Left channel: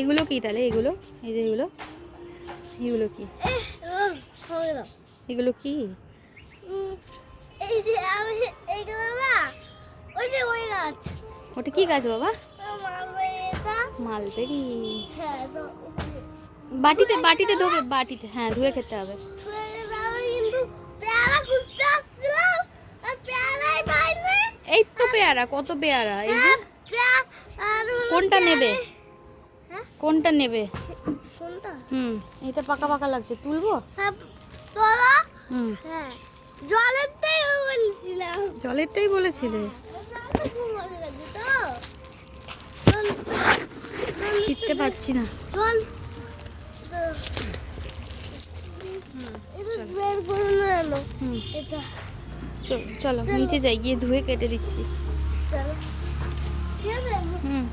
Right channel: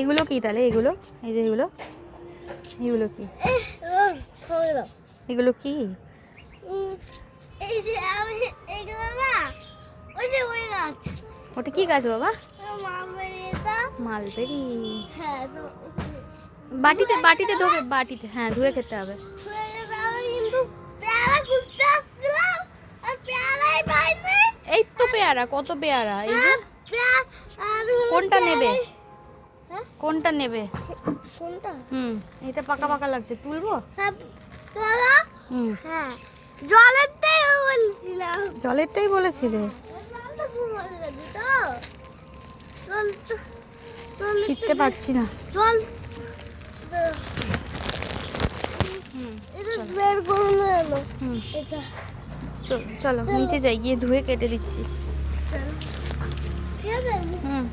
এগুলো কি তাহলে? এগুলো এই যে এগুলো এগুলো কি? এগুলো কি? এই যে আমি এগুলো না, ওই যে ওই গাছ, ওটা কি গাছ বাবা? মালবেরিটা। মালবেরি। হ্যাঁ তো বাটিতে বাটিতে ধোবে, বাটিতে হ্যাঁ ধুয়ে খেতে হবে। কিন্তু পেয়ারা খুঁজতে আসছিলাম আর পেয়ারাই পাইনি। এই তো পেয়ারা, কত পেয়ারা! এই যে কোনটা নেবে? কোনটা নেবে? কোনটা? এটা পাকা পাকা লাগছে, তুলবো? হ্যাঁ তোলা। হুম, হ্যাঁ জলেরটাই বলছিলাম। জলেরটাই বলেছিলে। ছিটতে পারছি না। চল চলো। বের করে নিয়ে এলো। হুম, এটা চলো চলো নিচে যাই, গিয়ে ধুয়ে কেটে দিচ্ছি। চলো। হুম।